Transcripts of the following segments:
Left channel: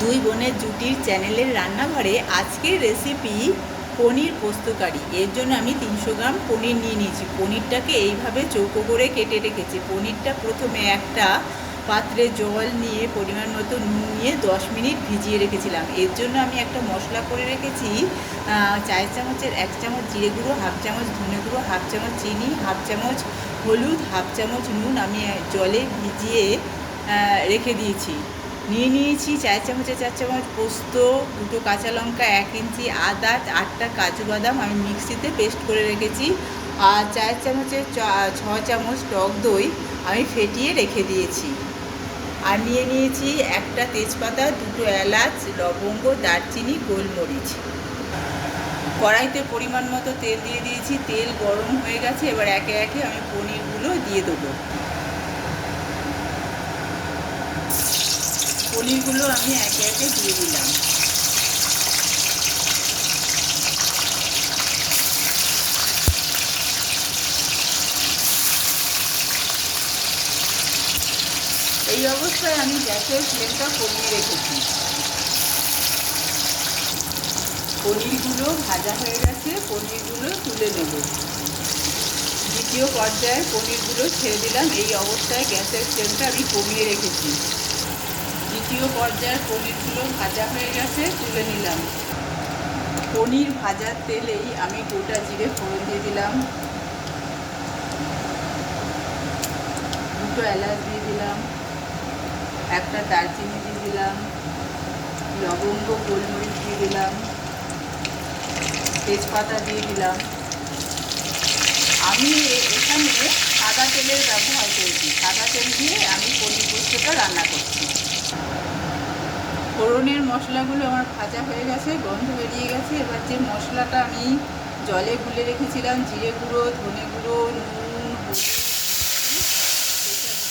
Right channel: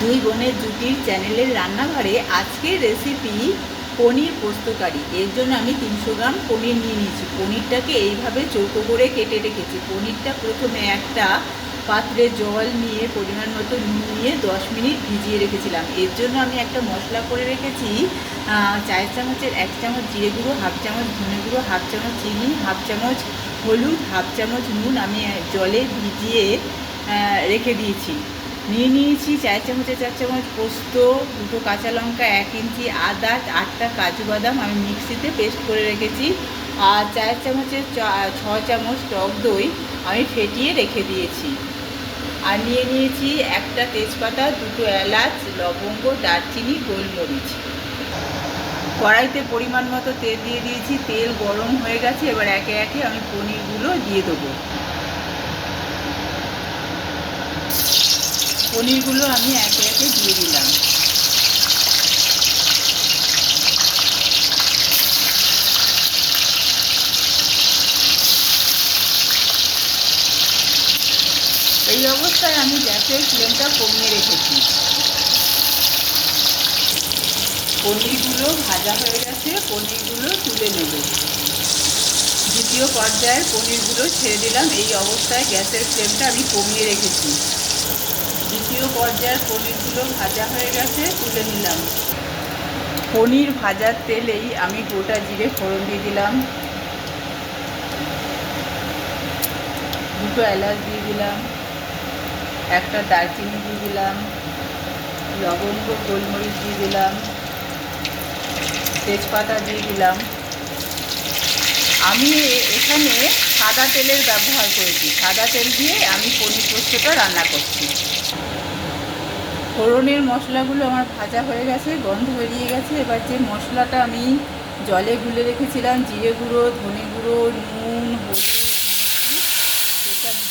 দুই বোনের জুটির চ্যানেলের রান্নাঘরে আজকের রেসিপি পনির পোস্তকারি এর জন্য আমি তিনশো গ্রাম পনির নিয়ে নিয়েছি। পনিরটাকে এইভাবে চৌকো করে কেটে রেখেছি। পনিরটা প্রথমে একটা পাত্রে জল নিয়ে, পরিমাণ মতো নুন নিয়ে দশ মিনিট ভিজিয়ে রেখেছিলাম। এর জন্য আমি একটা মশলা করে রেখেছি চার চামচের এক চামচ জিরে গুঁড়ো, হাফ চামচ ধনে গুঁড়ো, হাফ চামচ চিনি, হাফ চামচ হলুদ, হাফ চামচ নুন আমি জলে ভিজিয়ে রেখে দিয়েছি। নিয়ে নিয়েছি চার চামচে, চার চামচ পোস্ত, দুটো কাঁচা লঙ্কা, এক ইঞ্চি আদা, আটটা কাজু বাদাম আমি মিক্সিতে পেস্ট করে রেখেছি। আর চার চামচের ছ চামচ টক দই আমি ফেটিয়ে রেখে দিয়েছি। আর নিয়ে নিয়েছি একটা তেজপাতা, দুটো এলাচ, লবঙ্গ, দারচিনি, গোলমরিচ। কড়াইতে পরিমাণ মতো তেল দিয়ে দিয়েছি, তেল গরম হয়ে গেছে, এবার একে একে আমি পনিরগুলো দিয়ে দেবো। পনিরগুলো আমি একে একে দিয়ে দিলাম। এই অবস্থায় আমি গ্যাসের ফ্লেমটা কমিয়ে রেখেছি। পনিরগুলো ভাজা হয়ে গেছে, পনিরগুলো তুলে নেব। দ্বিতীয় পর্যায়ে পনিরগুলো ছেড়ে দিলাম। এই অবস্থায় গ্যাসের ফ্লেমটা আমি কমিয়ে রেখেছি। দ্বিতীয় পর্যায়ের পনিরগুলো ভাজা হয়ে গেছে, তুলে নিলাম। পনির ভাজার তেলেই আমি গোটা জিরে ফোড়ন দিয়ে দিলাম। দুটো এলাচ দিয়ে দিলাম, একটা দারচিনি দিয়ে দিলাম, লবঙ্গ, গোলমরিচ দিয়ে দিলাম, তেজপাতা দিয়ে দিলাম। আমি এখানে সাদা তেলের ব্যবহার করেছি। সাদা তেল দিয়ে আমি পনির পোস্তটা রান্না করছি। ফোড়নের মশলাগুলো আমার ভাজা হয়ে গেছে, গন্ধ বেরিয়ে গেছে। এবার যে মশলাটা আমি জলে গুলে রেখেছিলাম, জিরে গুঁড়ো, ধনে গুঁড়ো, নুন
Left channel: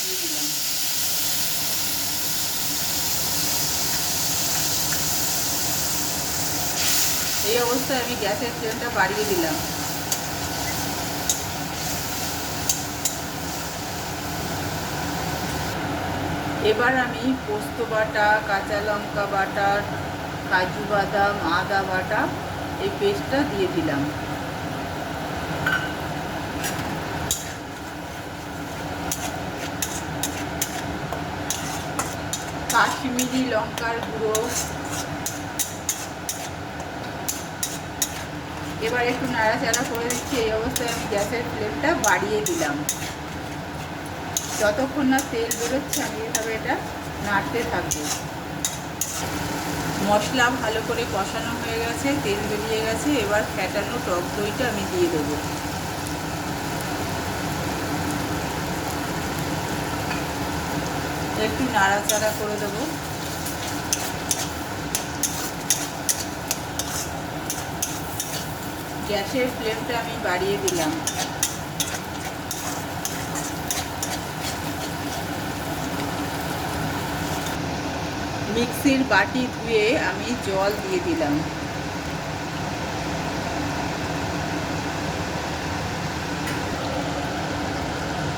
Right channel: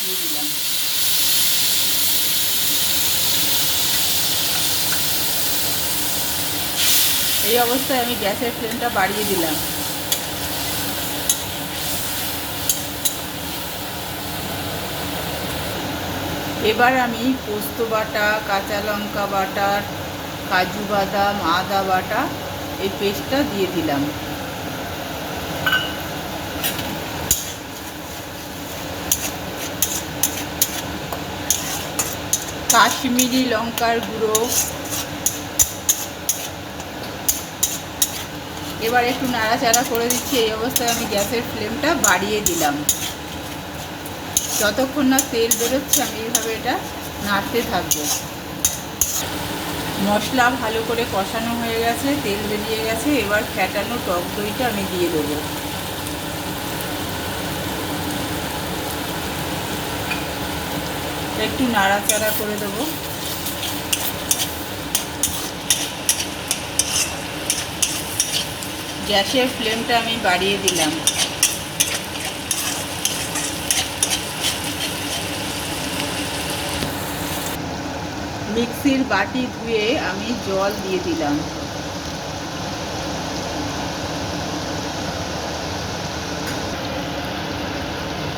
দিয়ে দিলাম। এই অবস্থায় আমি গ্যাসের ফ্লেমটা বাড়িয়ে দিলাম। এবার আমি পোস্ত বাটা, কাঁচা লঙ্কা বাটা, কাজু বাদাম আদা বাটা এই পেস্টটা দিয়ে দিলাম। কাশ্মীরি লঙ্কার গুঁড়ো। এবার একটু নাড়াচাড়া করে দিচ্ছি, এই অবস্থায় আমি গ্যাসের ফ্লেমটা বাড়িয়ে দিলাম। যতক্ষণ না তেল বেরোচ্ছে, আমি এইভাবে এটা নাড়তে থাকব। মশলা ভালো করে কষানো হয়ে গেছে, তেল বেরিয়ে গেছে, এবার ফ্যাটানো টক দইটা আমি দিয়ে দেবো। একটু নাড়াচাড়া করে দেবো। গ্যাসের ফ্লেমটা আমি বাড়িয়ে দিলাম। মিক্সির বাটি ধুয়ে আমি জল দিয়ে দিলাম।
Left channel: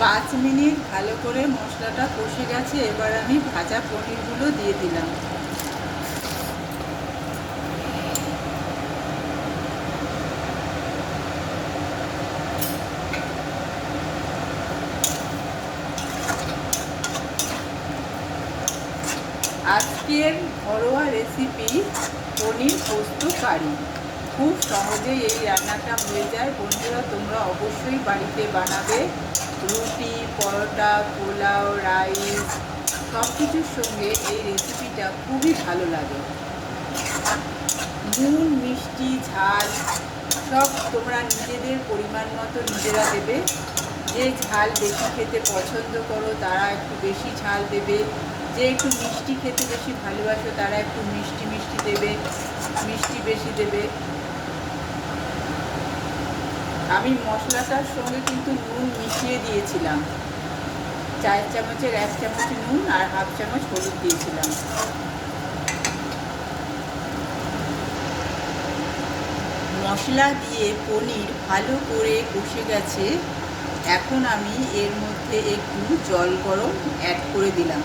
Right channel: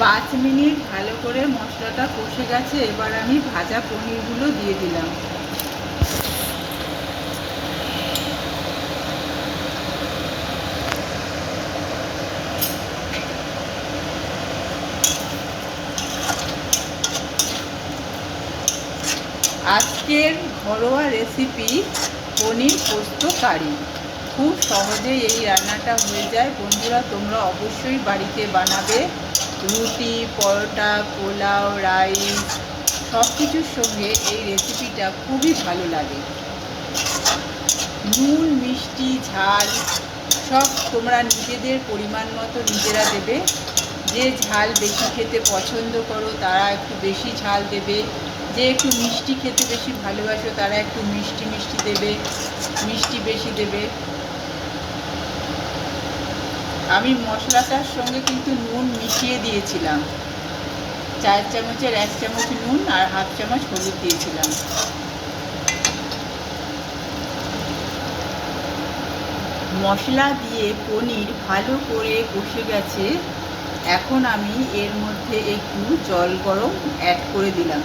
পাঁচ মিনিট ভালো করে মশলাটা কষে গেছে, এবার আমি ভাজা পনিরগুলো দিয়ে দিলাম। আজকের ঘরোয়া রেসিপি পনির পোস্ত কারি। খুব সহজেই এই রান্নাটা হয়ে যায়। বন্ধুরা, তোমরা অবশ্যই বাড়িতে বানাবে। রুটি, পরোটা, পোলাও, রাইস সব কিছুর সঙ্গে এই রেসিপিটা খুবই ভালো লাগে। নুন, মিষ্টি, ঝাল সব তোমরা নিজেদের পরিমাণ মতো নিজেরা দেবে। যে ঝাল বেশি খেতে পছন্দ করো, তারা একটু বেশি ঝাল দেবে। যে একটু মিষ্টি খেতে বেশি ভালোবাসো, তারা একটু মিষ্টি মিষ্টি দেবে, মিষ্টি বেশি দেবে। আমি মশলাটার সঙ্গে কিন্তু নুন মিশিয়ে দিয়েছিলাম। চার চামচের এক চামচ নুন আর হাফ চামচ হলুদ দিয়েছিলাম। মশলা দিয়ে পনির ভালো করে কষে গেছে। এখন আমি এর মধ্যে একটু জল গরম অ্যাড করে দিলাম।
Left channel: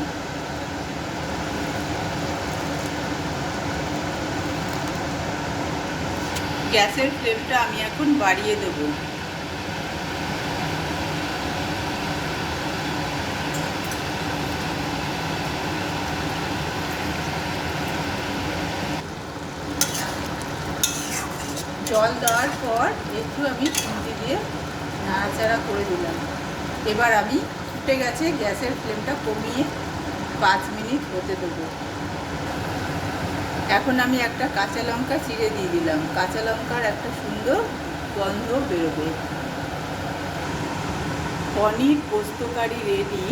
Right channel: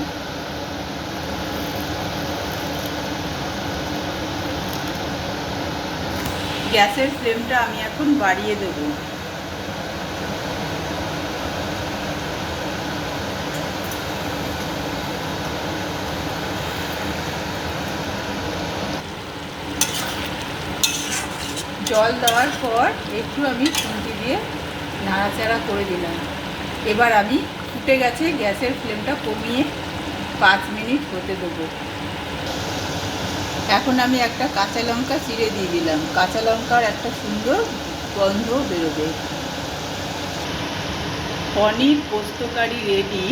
গ্যাসের ফ্লেমটা আমি এখন বাড়িয়ে দেবো। জল দেওয়ার পর একটু আমি খুন্তি দিয়ে নাড়াচাড়া করে দিলাম। এবার আমি ফুটে গেছে গ্যাসের ফ্লেমটা কমিয়ে পাঁচ মিনিট হতে দেবো। এখন আমি একটা কাঁচা লঙ্কা চিড়ে দিয়ে দিলাম। কাঁচা লঙ্কার একটা সুন্দর গন্ধ বেরোবে। পনির পোস্তকারি রেডি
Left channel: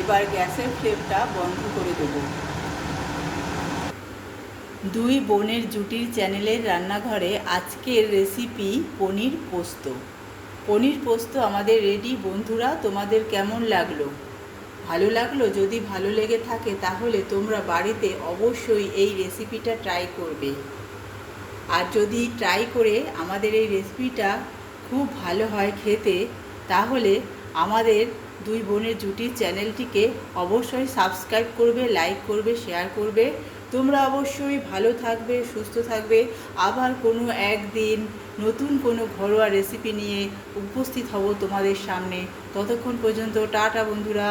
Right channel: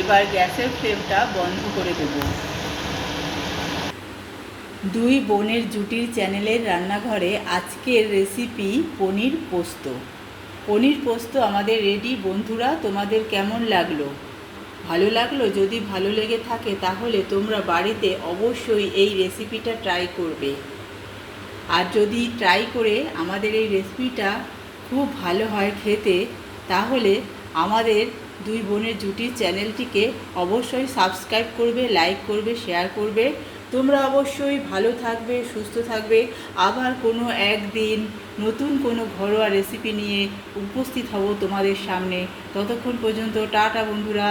এবার গ্যাসের ফ্লেমটা বন্ধ করে দেবো। দুই বোনের জুটির চ্যানেলের রান্নাঘরে আজকের রেসিপি পনির পোস্ত। পনির পোস্ত আমাদের রেডি বন্ধুরা, তোমাদের কেমন লাগল? ভালো লাগল? যদি ভালো লেগে থাকে তাহলে তোমরা বাড়িতে অবশ্যই এই রেসিপিটা ট্রাই করবে। আর যদি ট্রাই করে আমাদের এই রেসিপিটা খুব ভালো হয় খেতে, তাহলে আমাদের দুই বোনের জুটির চ্যানেলটিকে অবশ্যই সাবস্ক্রাইব করবে লাইক করবে শেয়ার করবে। তোমরা অবশ্যই ভালো থাকবে, সুস্থ থাকবে। আবার কোনো একদিন নতুন কোনো ঘরোয়া রেসিপি নিয়ে উপস্থিত হব তোমাদের সামনে। ততক্ষণ পর্যন্ত টাটা বন্ধুরা।